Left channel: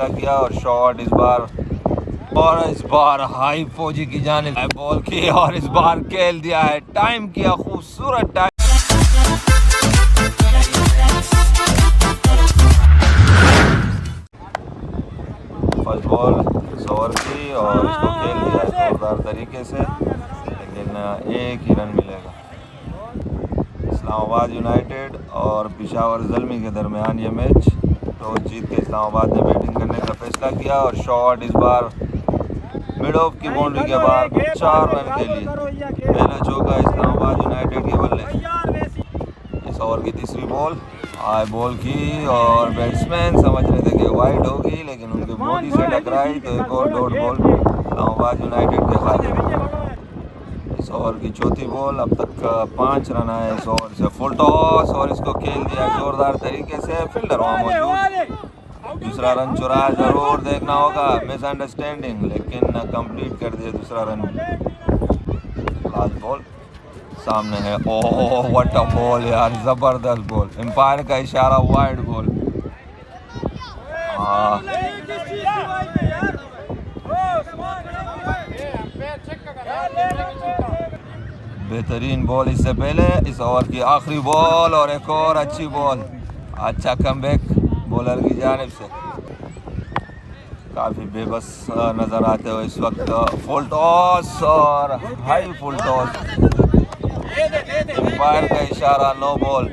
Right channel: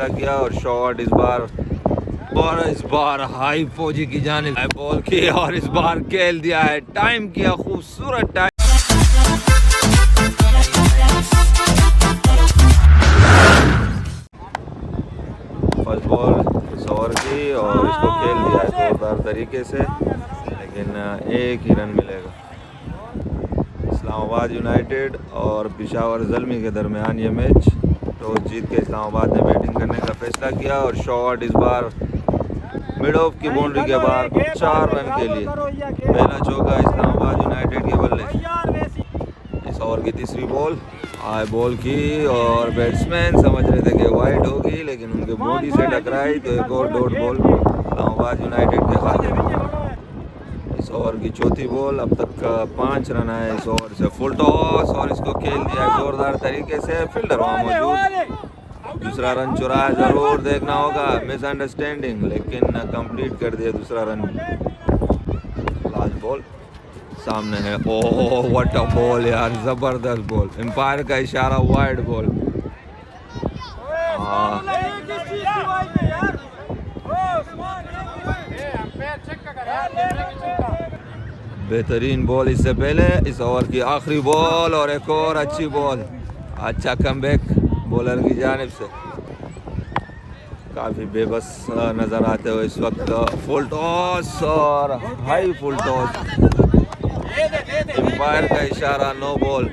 फैसला किया और शॉट इस बार हाई फौजी की जानिब बॉल की और इस बार खेल दिया है, टाइम किया खूबसूरत टाइम। फर्स्ट बॉल सवर की और इसको खेल दिया जोरदार तरीके से, लेकिन एक ही रन मिलेगा। इस्लामाबाद यूनाइटेड और पेशावर ज़ल्मी के दरमियान ये मैच, टॉस जीत के इस्लामाबाद ने बैटिंग करने का फैसला किया और शॉट इस बार मिड ऑफ की बाउंड्री के बाद 4 रन के लिए। पहला चौका इस्लामाबाद यूनाइटेड के बल्ले। इस ओवर की तीसरी बॉल बॉल की और बैट्समैन समझ रहे थे कि वाइड होगी, लेकिन उनके बॉडी से टकराई तो एक और डॉट बॉल इस्लामाबाद यूनाइटेड के खाते। इस ओवर की चौथी बॉल, अब तक 5 रन आए इस ओवर से। फुल टॉस और इसको खेल दिया जोरदार तरीके से, फील्डर वहाँ मौजूद। दूसरा रन चुराया, जरूर देखना होगा, मिसअंडरस्टैंडिंग, लेकिन कंप्लीट कर दिया दूसरा रन। लास्ट बॉल सामने है। ओह व्हाट अ बॉल यार, जबरदस्त बॉल, एम्पायर का इशारा, वाइड बॉल। बेहतरीन बॉल इससे पहले। इस ओवर की आखिरी बॉल और एक और अच्छी बॉल, अच्छा कमबैक बॉलर की जानिब से। काफ़ी बेबस नज़र आते हो इस वक्त। फुल टॉस और हाई फुल टॉस, एम्पायर का इशारा, नो बॉल।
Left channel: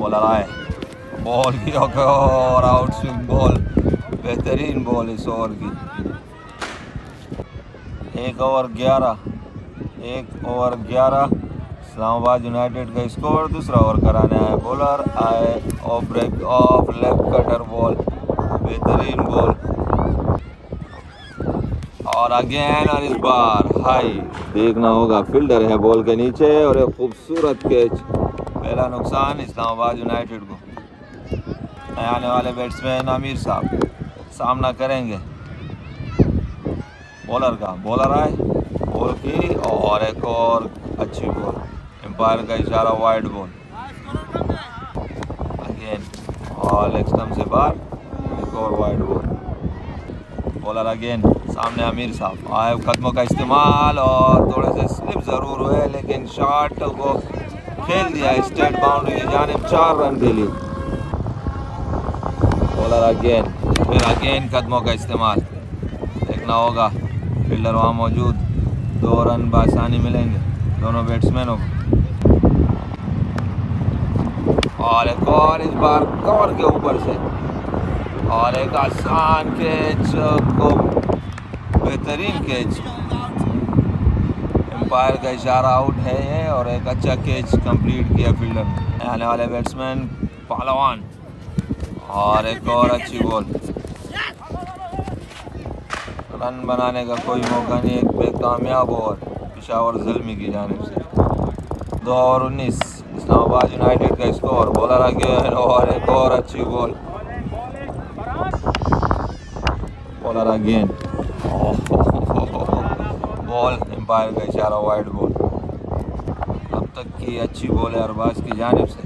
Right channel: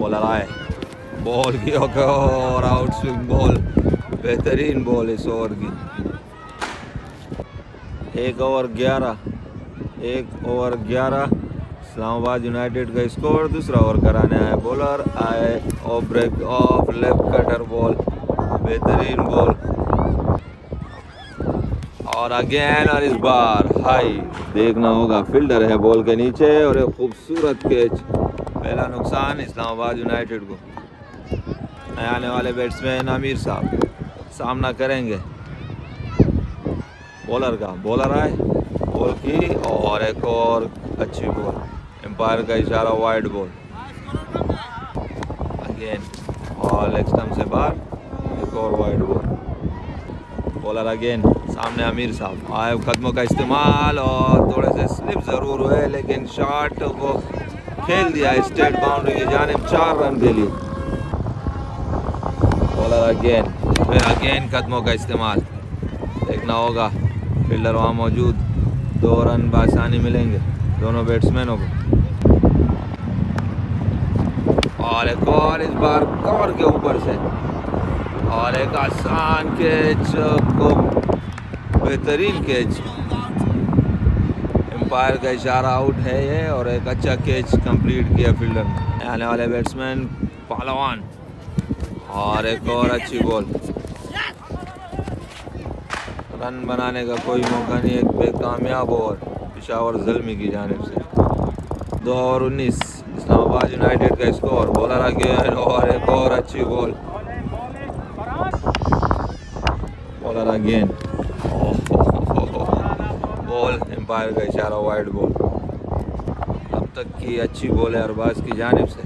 बॉलर आए, बॉल की और आउट स्विंग बॉल, बेहतरीन बॉल इस ओवर की। 1 ओवर 11 इस्लामाबाद यूनाइटेड का स्कोर। दूसरा ओवर कराने आए बॉलर आए और break off left cutter ball, बेहतरीन बॉल और अगेन और इस बार हाई। देखना होगा, फील्डर है बॉल के नीचे और एक खूबसूरत कैच। पहला नुकसान इस्लामाबाद यूनाइटेड को। नए आने वाले बैट्समैन आमिर साहब सामना करेंगे बॉलर का। बॉलर आए, बॉल की और एक और अच्छी बॉल, एम्पायर का इशारा, वाइड बॉल अगेन और लेग स्टंप से बाहर, एक और वाइड बॉल। बॉलर अगेन, सामने आमिर साहब आए, कदमों का इस्तेमाल और थोड़े से स्लिप ज़रूर हुए, लेकिन शॉट को खेल दिया स्ट्रेट बाउंड्री की जानिब 4 रन के लिए। बॉलर अगेन, फिर अगेन कदमों का इस्तेमाल, देखना होगा, फील्डर वहाँ मौजूद। 2 रन बआसानी मिलेंगे दोनों बैट्समैनों को। और एक और इस बार कवर के ऊपर से और एक आसान कैच को, बेहतरीन कैच, एम्पायर का इशारा, आउट है ये, और एक अच्छा कैच कंप्लीट किया फील्डर ने। आने वाले बैट्समैन पहलवान और एक और अच्छी बॉल। रन बनाने का कोई मौका नहीं, एक बेकामयाब ओवर पेशावर ज़ल्मी की जानिब से। 2 ओवर 19 इस्लामाबाद यूनाइटेड का स्कोर। बॉलर अगेन और एक और अच्छी ball. Bowler again, ball, umpire का इशारा, वाइड बॉल। अब तक की अच्छी बॉल है अरबाज की जानिब से।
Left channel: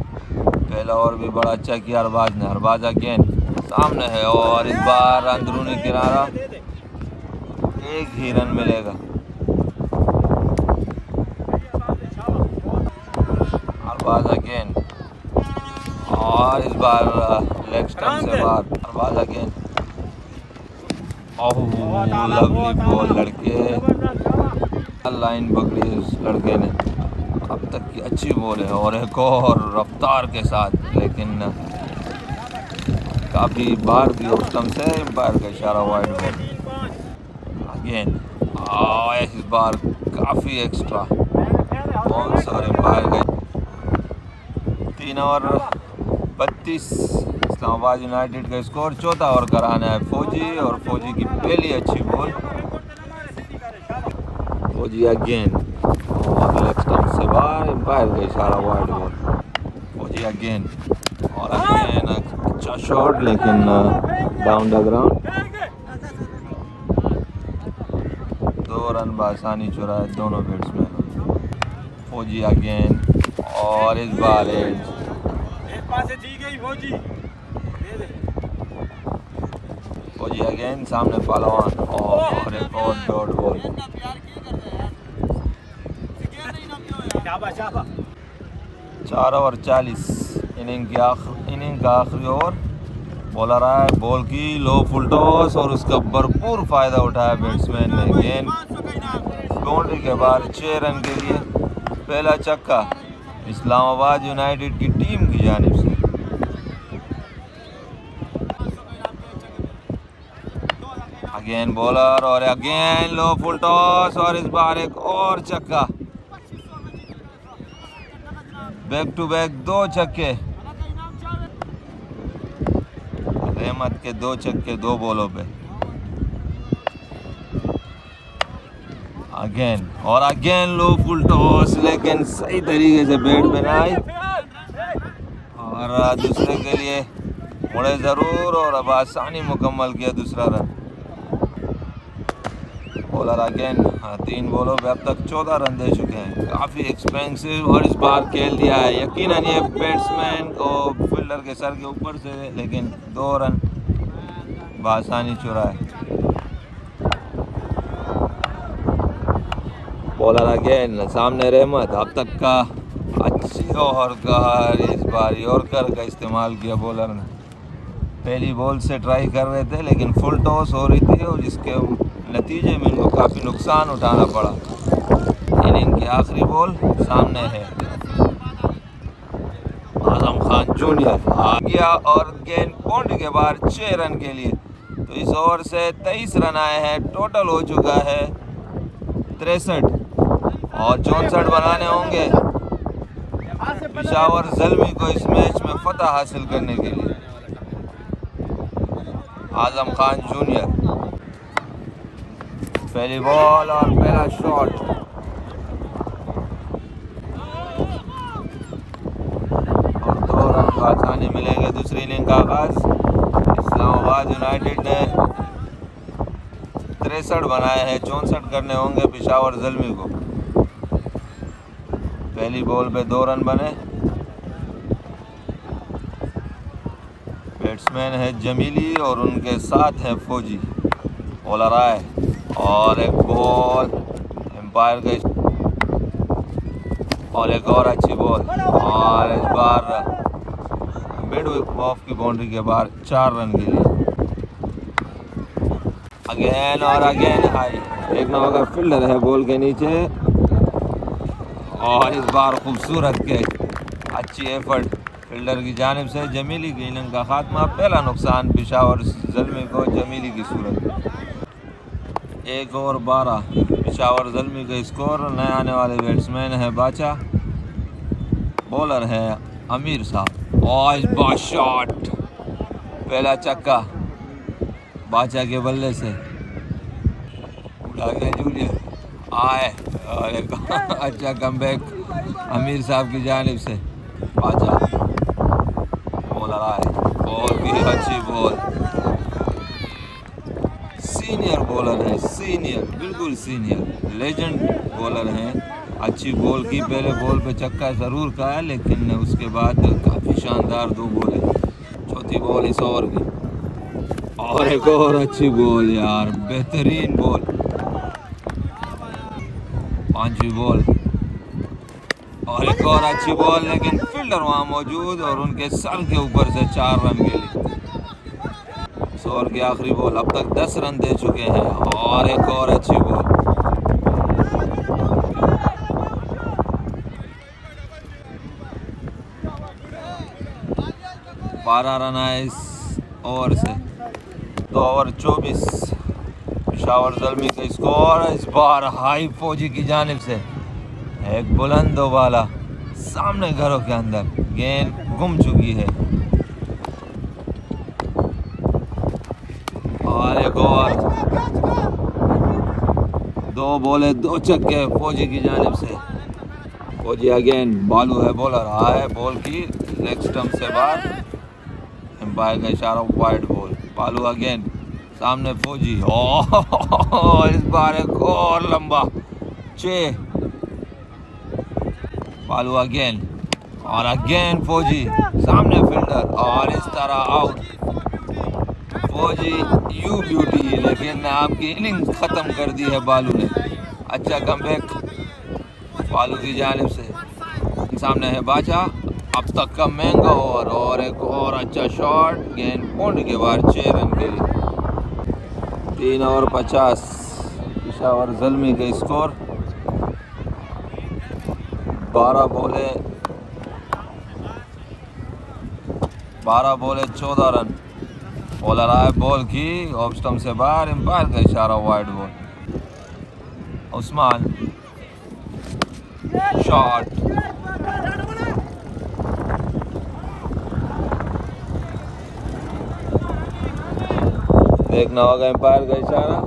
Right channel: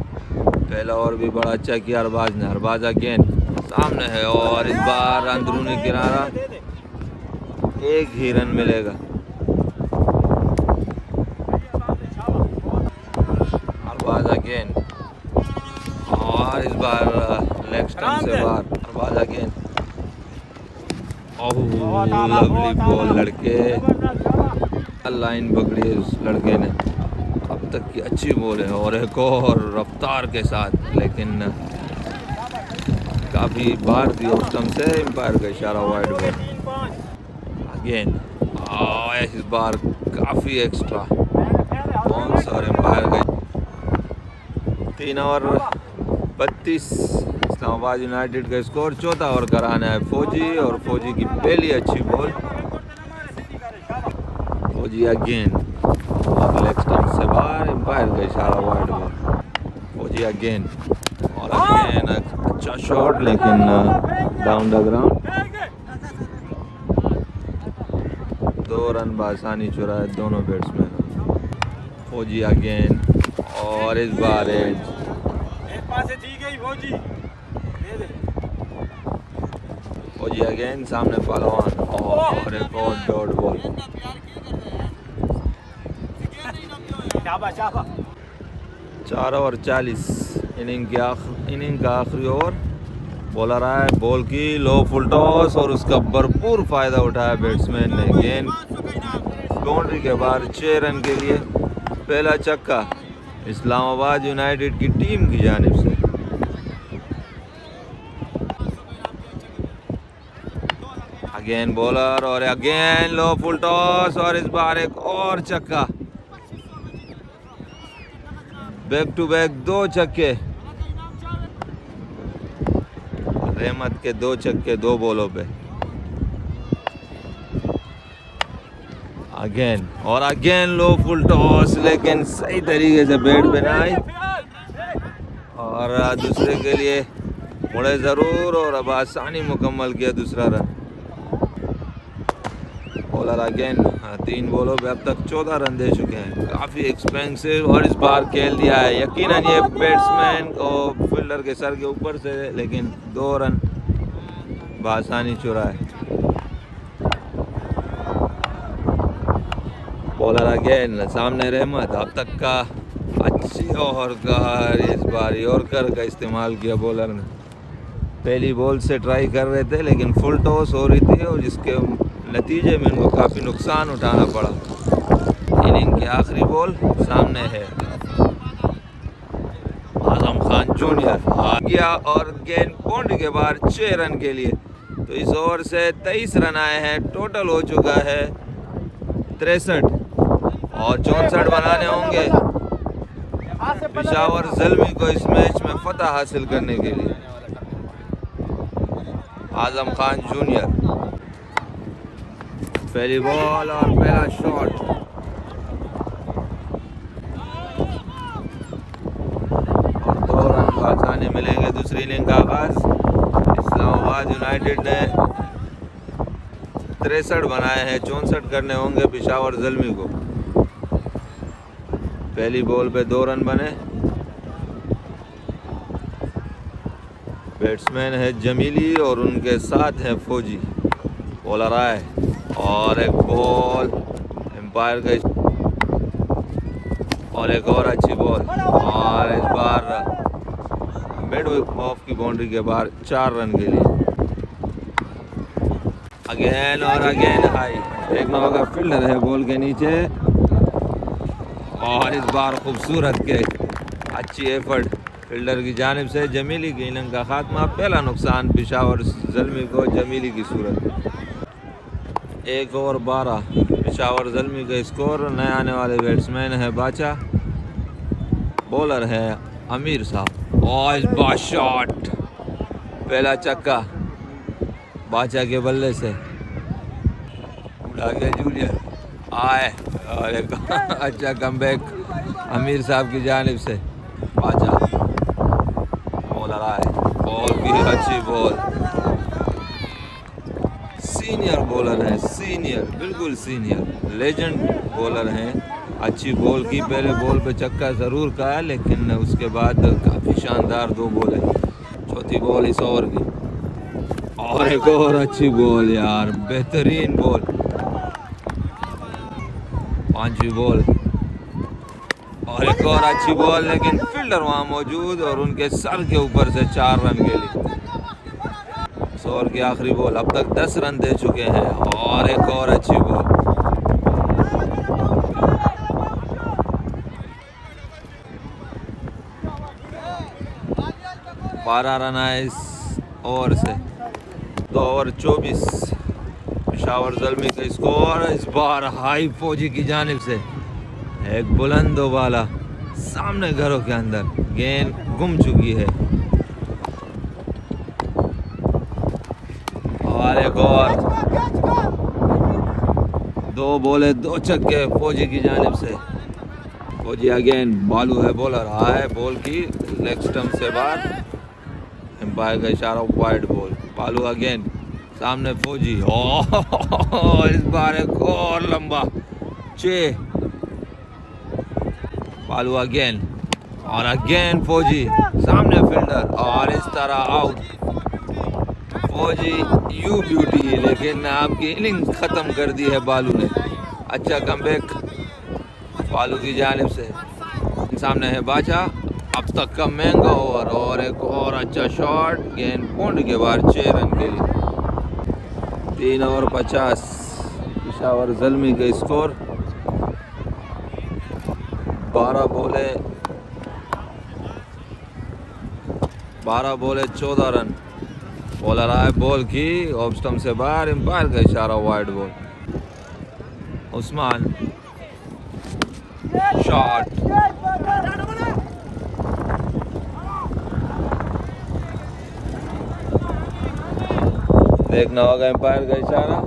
पहला ओवर भी बड़ा अच्छा किया अरबाज ने। अरबाज अगेन सामने है और इस बार अंदरूनी किनारा, एक ही रन मिलेगा। अरबाज अगेन और इस बार लेग स्टंप से बाहर। Arbaz again, oh lovely ball, लड़के लाइन पकड़ी है उस लड़के ने। अब तक की अच्छी बॉल है और एक और रफ्तार के साथ, लेकिन काफ़ी बाहर थी उस स्टंप से, एम्पायर का इशारा, वाइड बॉल अगेन। इस बार काफ़ी एक्स्ट्रा बाउंस और एम्पायर का। 3 ओवर 32 इस्लामाबाद यूनाइटेड का स्कोर। चौथा ओवर कराना है फौजी और फौजी की पहली अच्छी बॉल। फौजी अगेन और लेग स्टंप से बाहर, एम्पायर का इशारा, वाइड बॉल। फौजी अगेन और अगेन अच्छा शॉट, लेकिन डाउन द ग्राउंड। 2 रन बआसानी चुराए दोनों बैट्समैन। फौजी अगेन और इस बार एज फौजी अगेन सामने पहलवान और एक और डॉट बॉल। 4 ओवर 40 इनिंग का आखिरी ओवर। बॉलर आया, बॉल की लो फुल टॉस और उसका भरपूर फायदा उठाया बैट्समैन ने। गेंद बाउंड्री के बाहर 6 रन के लिए पहला छक्का इस्लामाबाद यूनाइटेड की टीम की जानिब से। अगेन बॉलर और अगेन लो फुल टॉस और इस बार एक और छक्का। बैक टू बैक 2 छक्के, रहमत के 2 छक्के 2 बॉलों पे। अगेन और अगेन लो फुल टॉस, लेकिन सही तरीके से बैट पे ना आई और दूसरे के लिए मुड़े जरूर और अब आसानी मुकम्मल किया दूसरा रन। बॉलर अगेन 3 बॉलों पे अब तक 14 रन दे चुके हैं। काफ़ी एक्सपेंसिव और इस बार खेल दिया है यकीनन ये बैट्समैन और फील्डर के सर के ऊपर से, लेकिन 2 रन बआसानी चुराए। बॉलर अगेन सामने रहमत, अब तक का अच्छी ओवर का इस बार यॉर्कर का इस्तेमाल किया बॉलर ने। पहली बॉल से ट्राई कर रहे थे लेकिन फुल टॉस हो रही थी और जिसके नतीजे में उनको काफ़ी नुकसान उठाना पड़ा। इनिंग की आखिरी बॉल सामने है, आजम खान जूनियर आ गया और गेंद बाउंड्री के बाहर 6 रन के लिए। तो इस ओवर से 23 रन आए हैं, टोटल हो चुका है 63 और 64 बनाने होंगे पेशावर ज़ल्मी को इस मैच में फतह हासिल करने के लिए। आजम खान जूनियर पहली बॉल और पहला शॉट। और 2 रन बआसानी मिलेंगे। दूसरी इनिंग का आगाज इस्लामाबाद यूनाइटेड ने 63 बनाए हैं, 64 करने होंगे पेशावर ज़ल्मी को। पहली बॉल पे 2 रन बने। बैट्समैन है जमीली और उनके साथ है फौजी। बॉलर आए और एक बॉल एम्पायर का और एक और अच्छी बॉल और इस बार मिड ऑफ की बाउंड्री के बाहर 4 रन के लिए। अगेन और अगेन हाई, एक नंबर का फील्डर है बॉल के नीचे और इस बार खूबसूरत के अच्छी एफर्ट फील्डर की जानिब से। जमीली की इनिंग का खात्मा, पहला नुकसान पेशावर ज़ल्मी को जमीली की सूरत। 1 ओवर 12 पेशावर ज़ल्मी का स्कोर। नए आने वाले बैट्समैन है बाचा, बॉलर है अमीर साहब और इस बार शॉट, पहला छक्का बाचा के बल्ले से। जूनियर आए और एक अच्छा कमबैक अमीर साहब की जानिब से। बाचा बॉलर आए, बॉल की अच्छी बॉल। सीनियर बॉलर है, सीनियर बिल्कुल सीनियर लेजेंड बॉलर हैं। अच्छी बॉल की, पहले बॉल पे छक्का ज़रूर का है लेकिन उसके बाद काफ़ी शानदार 2 बॉल है। चौथी बॉल इस ओवर की और एक और अच्छी बॉल यार, बेहतरीन बॉल। 5वीं बॉल और एक और अच्छी बॉल, लेकिन फील्डर वहाँ मौजूद और उनके सर के ऊपर से 4 रन के लिए। इस ओवर की आखिरी बॉल, अब तक 10 रन दे चुके हैं और एक और अच्छी बॉल। बारह रन आए इस ओवर से। 2 ओवर 24 पेशावर ज़ल्मी का स्कोर। इस बार हाई फौजी की जानिब से एक बुलंद वाला सामने घरों के अंदर, गेंद गुम चुकी है और एक और 2 बॉले 2 छक्के फौजी की जानिब से। फौजी अगेन, बालू है बॉलर, आए बॉल की लेग स्टंप से बाहर, एम्पायर का इशारा, वाइड बॉल। बालू अगेन सामने फौजी और इस बार एक और लंबा 6। बालू अगेन और अगेन फौजी सामने फील्डर और इस तरह आउट। फौजी यू ब्यूटी, लेकिन आपकी इनिंग ख़त्म कर दी है बालू ने। अच्छा कमबैक बालू की जानिब से। सामने है बाचा, अब तक का महंगा ओवर और एक और अच्छा शॉट, गेंद पॉइंट के बाहर 6 रन के लिए। 3 ओवर 50 पेशावर ज़ल्मी का स्कोर। 12 बोले 14 रन। बॉलर आए, बॉल की ऑफ स्टंप से बाहर, एम्पायर का इशारा, वाइड बॉल। उस्मान शॉट, देखना होगा एम्पायर का इशारा।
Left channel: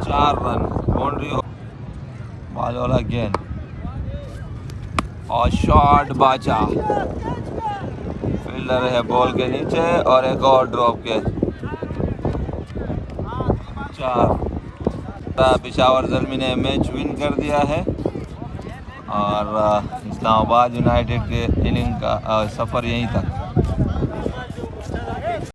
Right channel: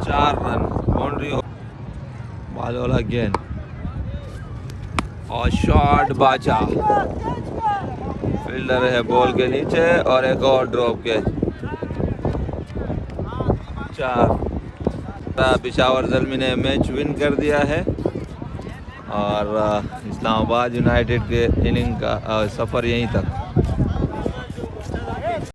4 रन, बाउंड्री। बॉल वाला गेंद और शॉट बाचा, फील्डर है बॉल के नीचे और एक और ड्रॉप कैच। 4। पेशावर ज़ल्मी ने मैच विन कर दिया है और इस्लामाबाद यूनाइटेड के इनिंग का सफ़र यहीं तक।